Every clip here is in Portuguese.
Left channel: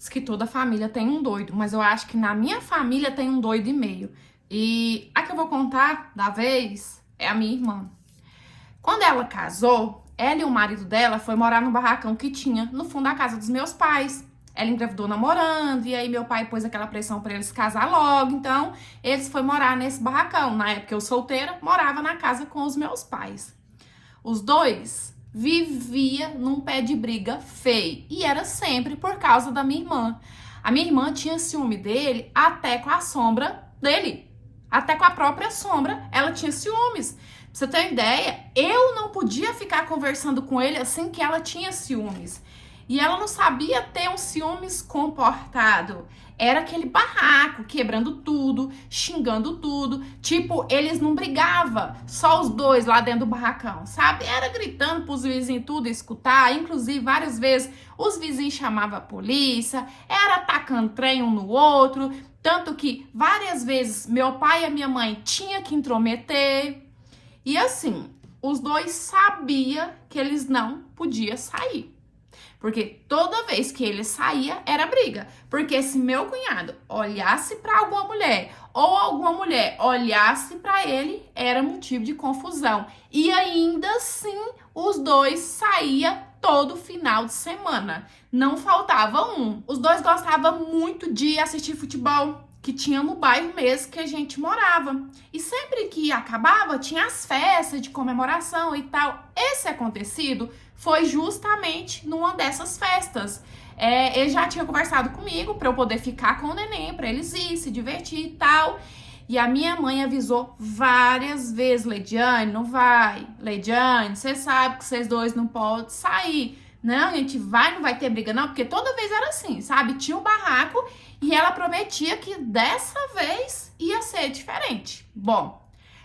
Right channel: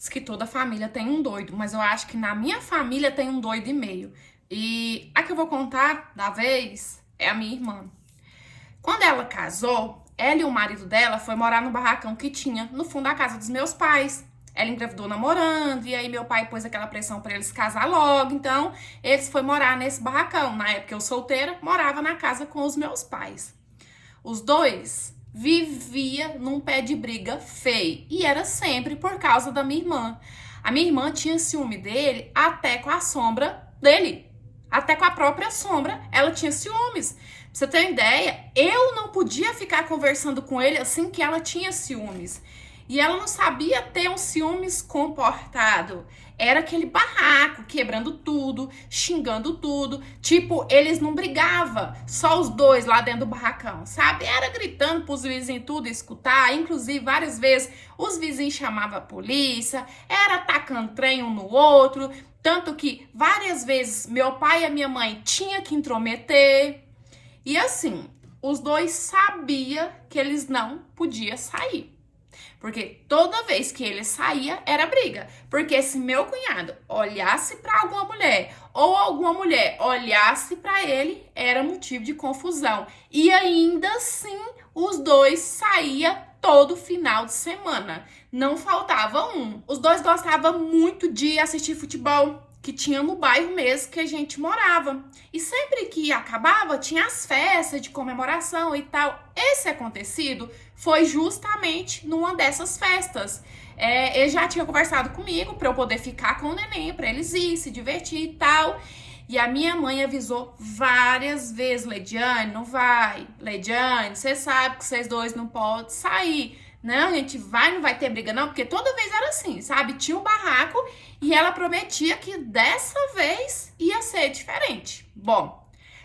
Diz que toda família tem um doido, mas eu acho que na minha família tem um doido e meio. E a que eu vou contar da vez é a minha irmã. Quando ela casou, ela e o marido dela foi morar no barracão que tinha no fundo da casa dos meus pais. Ela engravidou namorando, e aí meu pai pôs aquela pressão pra eles casar logo, então eles foram morar nesse barracão. Na época eu solteira, morava na casa com os meus pais. Os dois vivia num pé de briga feio, e era sempre por causa da minha irmã. A minha irmã tinha ciúme dele até com a sombra dele. Até com a própria sombra, ela tinha ciúmes. Pra você ter uma ideia, eu não podia ficar conversando com ele assim que ela tinha ciúmes. E ela não sabia ter um ciúmes comportado. Era aquele barraco, quebrando tudo, xingando tudo. Tipo, eles não brigavam, só os dois lá dentro do barracão, sabe? Era gritando pros vizinhos tudo escutar. Inclusive, várias vezes, os vizinhos chamavam a polícia. Era atacando trem um no outro. Tanto que, várias vezes, meu pai e a minha mãe tinham que intrometer. E assim, os dois sabiam que eles não podiam sair. Porque toda vez que ele saía, era briga. Porque se meu cunhado olhasse para alguma mulher, ou alguma mulher olhasse para ele, era motivo de confusão. E ainda assim, os dois saíam todo final de semana. Não faltava um. Os dois gostavam muito de assistir futebol, que tinha no bairro mesmo que a gente morava. E sempre que acabava, tinha as festas de comemoração e tal. Esse acontecido foi justamente numa dessas festas. Ele já tinha conversado comigo para eu poder ficar com o neném, para eles ir, se divertir e tal. E a minha mãe avisou várias vezes: Leidiane, não vai. Leidiane, você sabe que vocês dois não podem sair. Não, a gente vai, não vai ter briga não, porque toda vez era assim, sabe? Tinha o barraco e ela prometia que dessa vez ia ser diferente. Bom,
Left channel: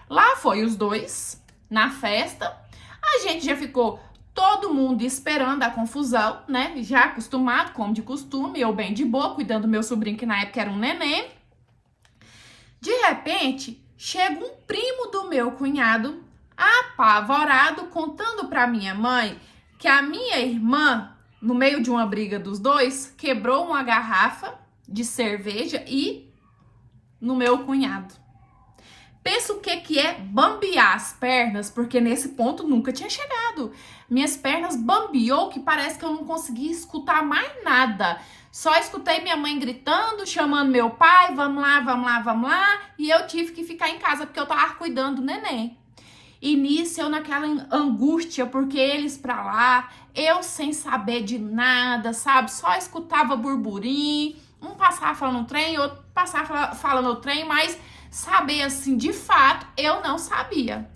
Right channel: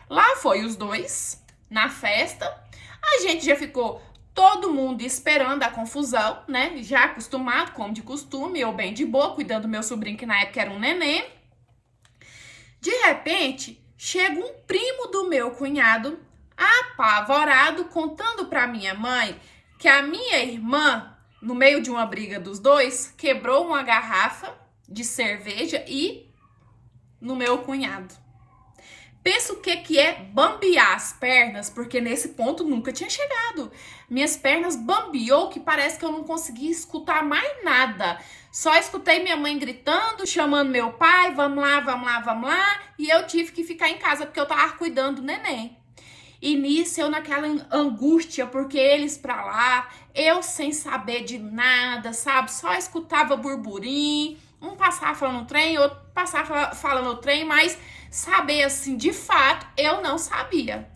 lá foi os dois na festa. A gente já ficou todo mundo esperando a confusão, né? Já acostumado, como de costume, eu bem de boa, cuidando do meu sobrinho, que na época era um neném. De repente, chega um primo do meu cunhado, apavorado, contando pra minha mãe que a minha irmã, no meio de uma briga dos dois, quebrou uma garrafa de cerveja e no meu cunhado. Pensa o que é bambear as pernas, porque nesse ponto nunca tinha chegado. Minhas pernas bambeou que parece que eu não conseguia escutar mais nada. Só escutei minha mãe gritando, chamando meu pai, vamos lá, vamos lá, vamos lá. E eu tive que ficar em casa porque eu tava cuidando do neném. E nisso eu naquela angústia, porque eles pra lá, eu sem saber de nada, sabe? Só escutava burburinho, um passava falando no trem, outro passava falando no trem, mas saber assim, de fato, eu não sabia.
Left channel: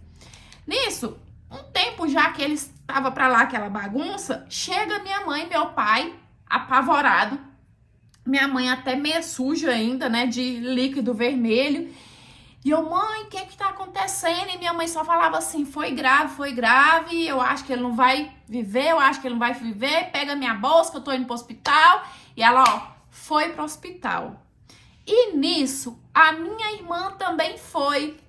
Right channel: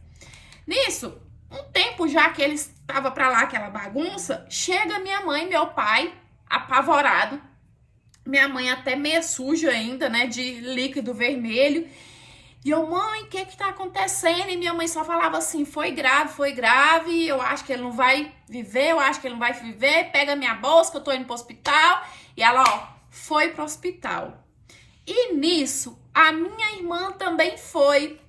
Nisso, um tempo já que eles estavam pra lá, aquela bagunça, chega minha mãe e meu pai, apavorado, minha mãe até meio suja ainda, né, de líquido vermelho. E eu, mãe, o que tá acontecendo? E minha mãe só falava assim: foi grave, eu acho que ele não vai viver, eu acho que ele não vai viver, pega minha bolsa que eu tô indo pro hospital. E ela, ó, foi pro hospital. E nisso, a minha irmã também foi.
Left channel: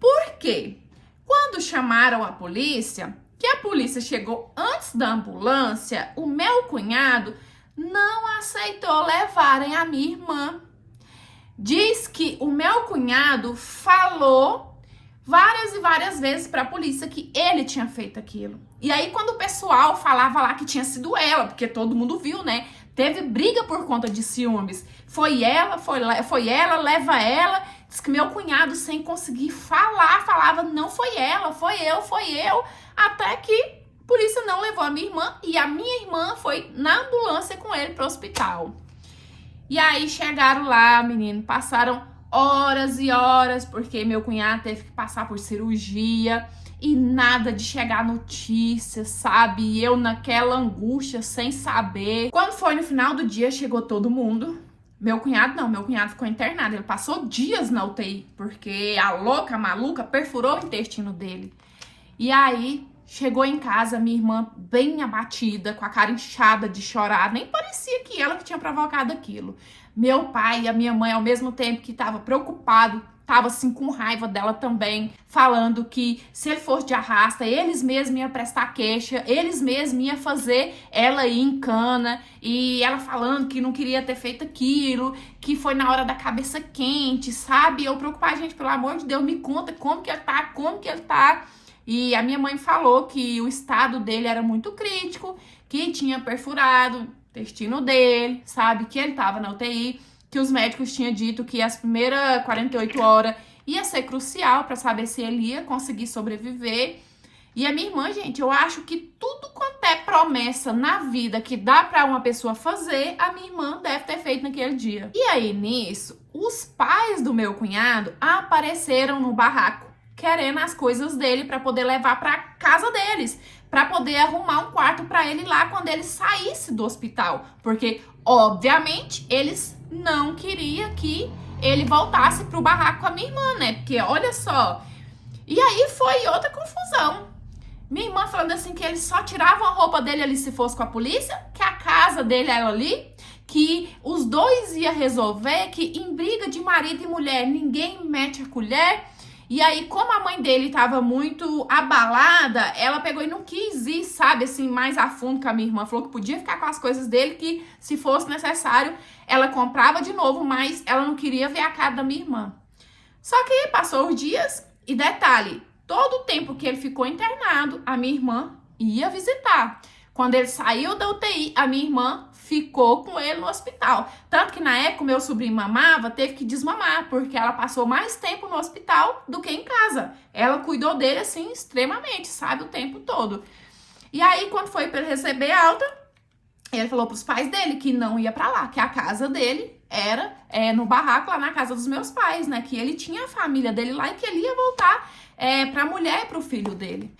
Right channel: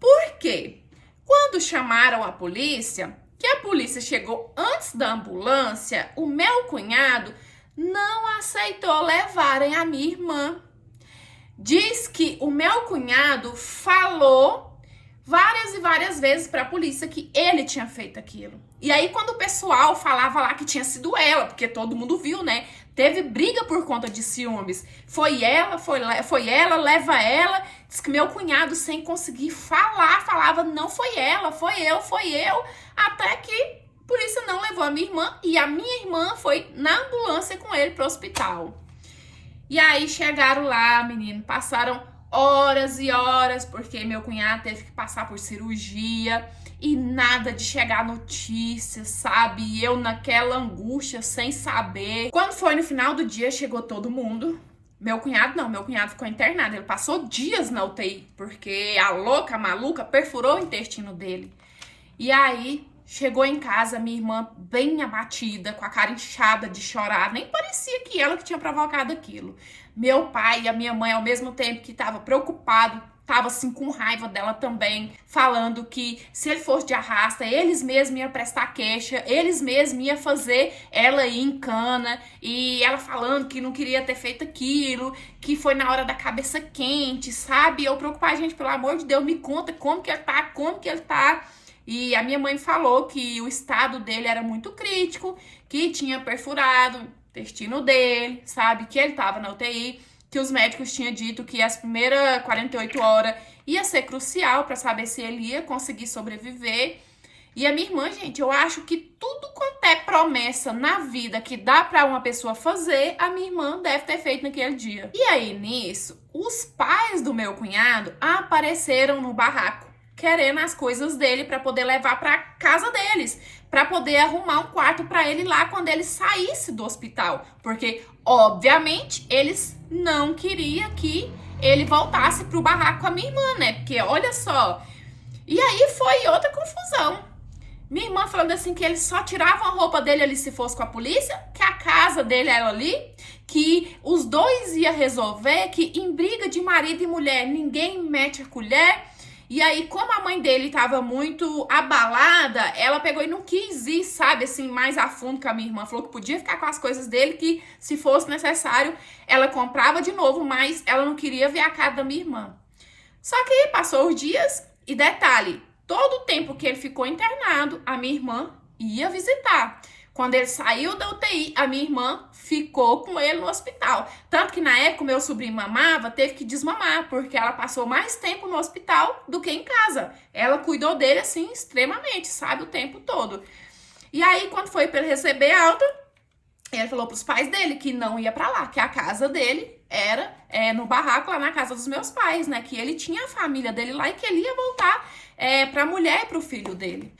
Por quê? Quando chamaram a polícia, que a polícia chegou antes da ambulância, o meu cunhado não aceitou levarem a minha irmã. Diz que o meu cunhado falou várias e várias vezes para a polícia que ele tinha feito aquilo. E aí quando o pessoal falava lá que tinha sido ela, porque todo mundo viu, né? Teve briga por conta de ciúmes. Foi ela, leva ela. Diz que meu cunhado, sem conseguir falar, falava: não foi ela, foi eu. Até que a polícia não levou a minha irmã e a minha irmã foi na ambulância com ele pro hospital. E aí chegaram lá, menino, passaram horas e horas, porque meu cunhado teve que passar por cirurgia e nada de chegar notícia, sabe? E eu naquela angústia, sem saber. Quando foi no final do dia, chegou todo mundo. Meu cunhado não, meu cunhado ficou internado, ele passou dias na UTI, porque a louca, a maluca, perfurou o intestino dele. E aí chegou em casa, minha irmã bem abatida, com a cara inchada de chorar. Nem parecia que ela que tinha provocado aquilo. Meu pai e a minha mãe, ao mesmo tempo que estavam preocupados, tava assim com raiva dela também, falando que se ele fosse de arrasta, eles mesmos iam prestar queixa, eles mesmos iam fazer ela ir em cana, e ela falando que não queria ter feito aquilo, que foi na hora da cabeça quente, sabe? Eu preocupar, gente, pelo amor de Deus, me conta como que ele tá. E a minha mãe falou que o estado dele era muito crítico, que tinha perfurado o intestino dele, sabe? Que ele tava na UTI, que os médicos tinham dito que as primeiras 48 horas ia ser crucial para saber se ele ia conseguir sobreviver. E a minha irmã, gente, eu acho que tudo quanto é promessa na vida que dá para uma pessoa fazer, a minha irmã deve ter feito naquele dia. E aí, nisso, os pais do meu cunhado apareceram no barraco, querendo as coisas dele para poder levar para casa deles, para poder arrumar um quarto para ele lá quando ele saísse do hospital, porque obviamente eles não queriam que ele voltasse pro barraco com a minha irmã, né? Porque olha só. E aí foi outra confusão. Minha irmã falando assim que eles só tiravam a roupa dele ali se fosse com a polícia, que a casa dele era ali, que os dois iam resolver, que em briga de marido e mulher ninguém mete a colher. E aí, como a mãe dele tava muito abalada, ela pegou e não quis ir, sabe, assim, mais a fundo com a minha irmã. Falou que podia ficar com as coisas dele, que se fosse necessário, ela comprava de novo, mas ela não queria ver a cara da minha irmã. Só que aí passou os dias e detalhe, todo o tempo que ele ficou internado, a minha irmã ia visitar. Quando ele saiu da UTI, a minha irmã ficou com ele no hospital. Tanto que na época o meu sobrinho mamava, teve que desmamar, porque ela passou mais tempo no hospital do que em casa. Ela cuidou dele, assim, extremamente, sabe, o tempo todo. E aí, quando foi para ele receber alta, ele falou pros pais dele que não ia para lá, que a casa dele era no barraco, lá na casa dos meus pais, né? Que ele tinha a família dele lá e que ele ia voltar pra mulher e pro filho dele.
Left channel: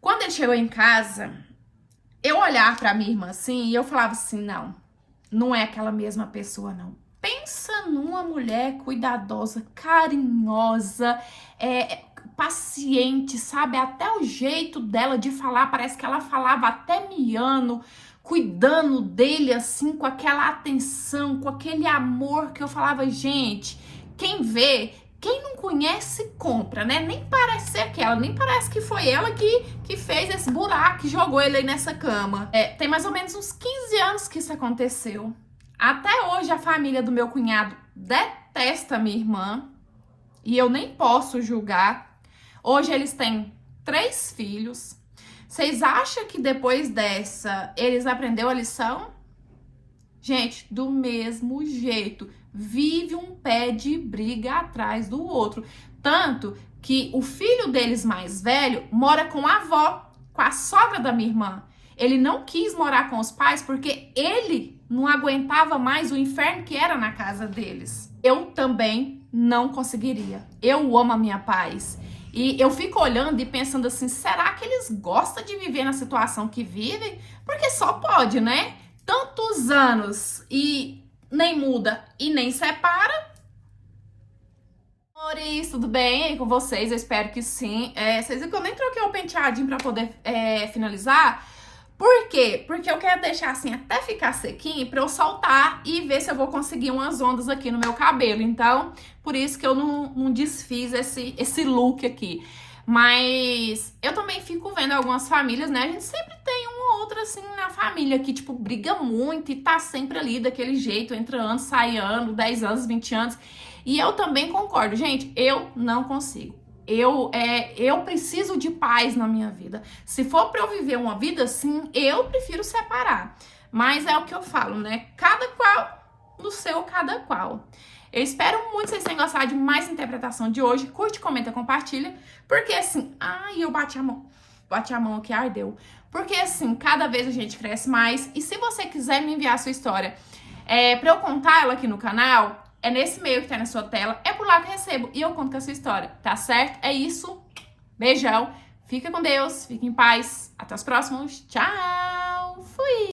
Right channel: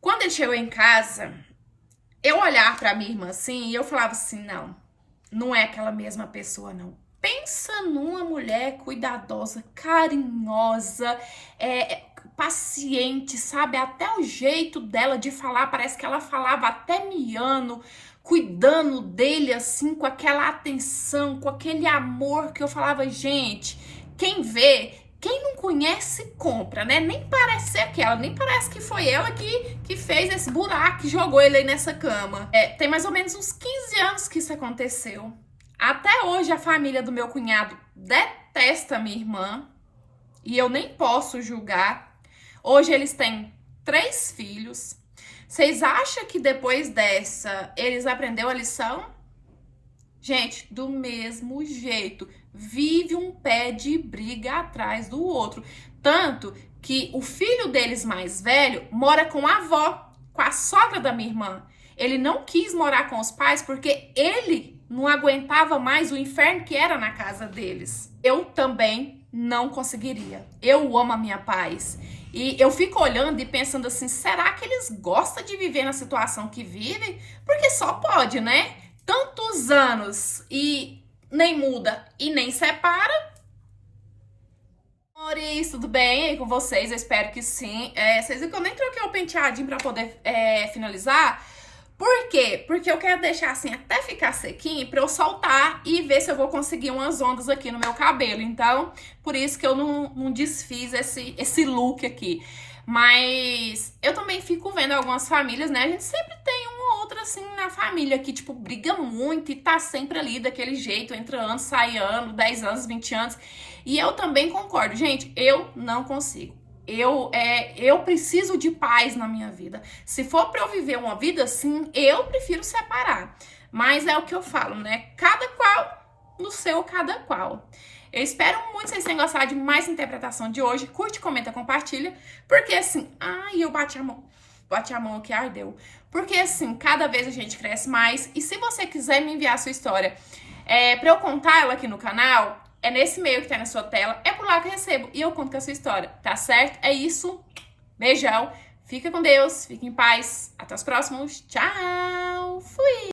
Quando ele chegou em casa, eu olhava pra minha irmã assim e eu falava assim, não é aquela mesma pessoa, não. Pensa numa mulher cuidadosa, carinhosa, paciente, sabe? Até o jeito dela de falar, parece que ela falava até miando, cuidando dele assim, com aquela atenção, com aquele amor que eu falava, gente, quem vê, quem não conhece, compra, né? Nem parece ser aquela, nem parece que foi ela que fez esse buraco, que jogou ele aí nessa cama. Tem mais ou menos uns 15 anos que isso aconteceu. Até hoje a família do meu cunhado detesta a minha irmã e eu nem posso julgar. Hoje eles têm 3 filhos. Vocês acham que depois dessa eles aprenderam a lição? Gente, do mesmo jeito, vive um pé de briga atrás do outro. Tanto que o filho deles mais velho mora com a avó, com a sogra da minha irmã. Ele não quis morar com os pais porque ele não aguentava mais o inferno que era na casa deles. Eu também não conseguiria. Eu amo a minha paz. E eu fico olhando e pensando assim, será que eles gostam de viver na situação que vivem? Porque só pode, né? Tantos anos e nem muda e nem separa. Amores, tudo bem aí com vocês? Eu espero que sim. Vocês viram que eu nem troquei o penteadinho pra poder finalizar. Por quê? Porque eu quero deixar assim até ficar sequinho pra eu soltar e ver se eu vou conseguir umas ondas aqui no meu cabelo. Então, por isso que eu não desfiz esse look aqui. Mas eu também fico vendo algumas famílias, né? A gente sempre tem uma ou outra assim na família que, tipo, briga muito e tá sempre ali daquele jeito, entra ano, sai ano, 10 anos, 20 anos. E eu também concordo, gente, eu não consigo. Eu preciso de paz na minha vida. Se for pra eu viver uma vida assim, eu prefiro separar. Mas é o que eu falo, né? Cada qual no seu cada qual. Eu espero muito que vocês tenham gostado de mais interpretação de hoje. Curte, comenta, compartilha. Porque assim, eu bati a mão aqui, ardeu. Porque assim, cada vez a gente cresce mais. E se você quiser me enviar a sua história pra eu contar ela aqui no canal, é nesse e-mail que tá na sua tela. É por lá que eu recebo e eu conto com a sua história, tá certo? É isso. Beijão. Fica com Deus. Fique em paz. Até os próximos. Tchau. Fui.